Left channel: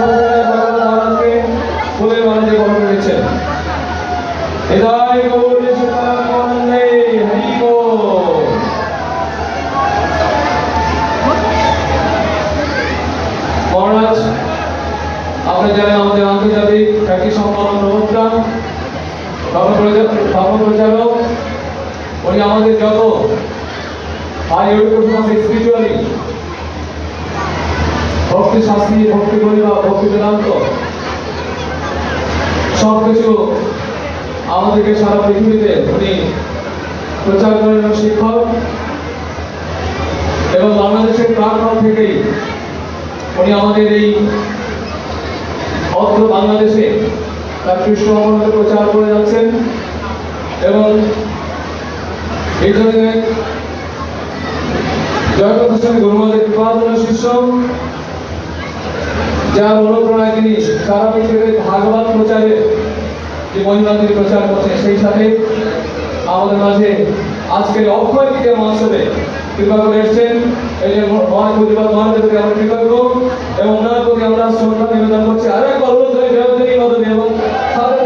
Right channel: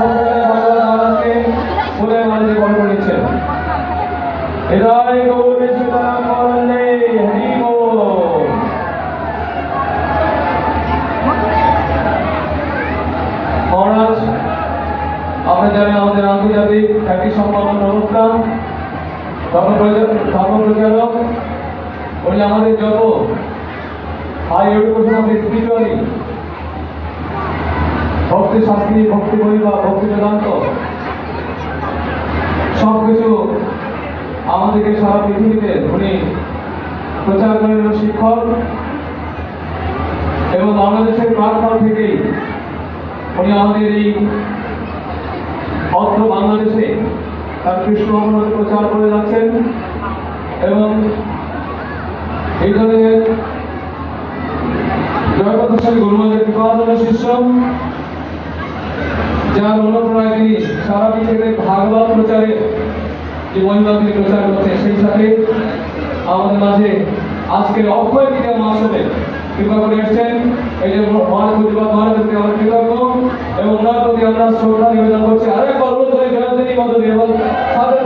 মহারাজকে ফুলের মালা দিয়ে বরণ করেছেন। হৃদয় গৌর সীতারামে হরি বল। মহারাজ, আপনি জানেন আমাদের আন্তর্জাতিক খ্যাতি সম্পন্ন প্রবক্তা, ধর্ম প্রচারক, উনি আমাদের যত হাই এডুকেশন স্পিরিচুয়ালি ভক্তি শাস্ত্রী, ভক্তি পরিবার, ভক্তি বেদান্ত সবকিছু আমাদেরকে সারা পৃথিবীতে উনি প্রচার করেন শিক্ষক, এবং বাংলাদেশের প্রাক্কাল থেকেই উনি আমাদের এই অত্র বাংলাদেশে তার কৃষ্ণ অবতার প্রচার করে যাচ্ছেন। এবং এই জন্য জয়প্রকাশ স্বামী গুরুমাদের কৃপাধন্য শিষ্য, যার অনুপ্রেরণায় তিনি সারা পৃথিবীতে ভাগবত প্রচারে যে মহিমা তিনি প্রচার করছেন, সেই সাথে আমাদের মাঝে আজকের অক্ষয় তৃতীয়া মহোৎসবে কৃপা করে এসছেন। এই যে মহান প্রতিবাদ মহারাজের প্রতি আমরা কৃতজ্ঞ এবং ওনার প্রতি আমরা শ্রদ্ধা নিবেদন করছি। আরেকবার অনুরোধ করে জয়ন্তী মদনী এবং ভক্ত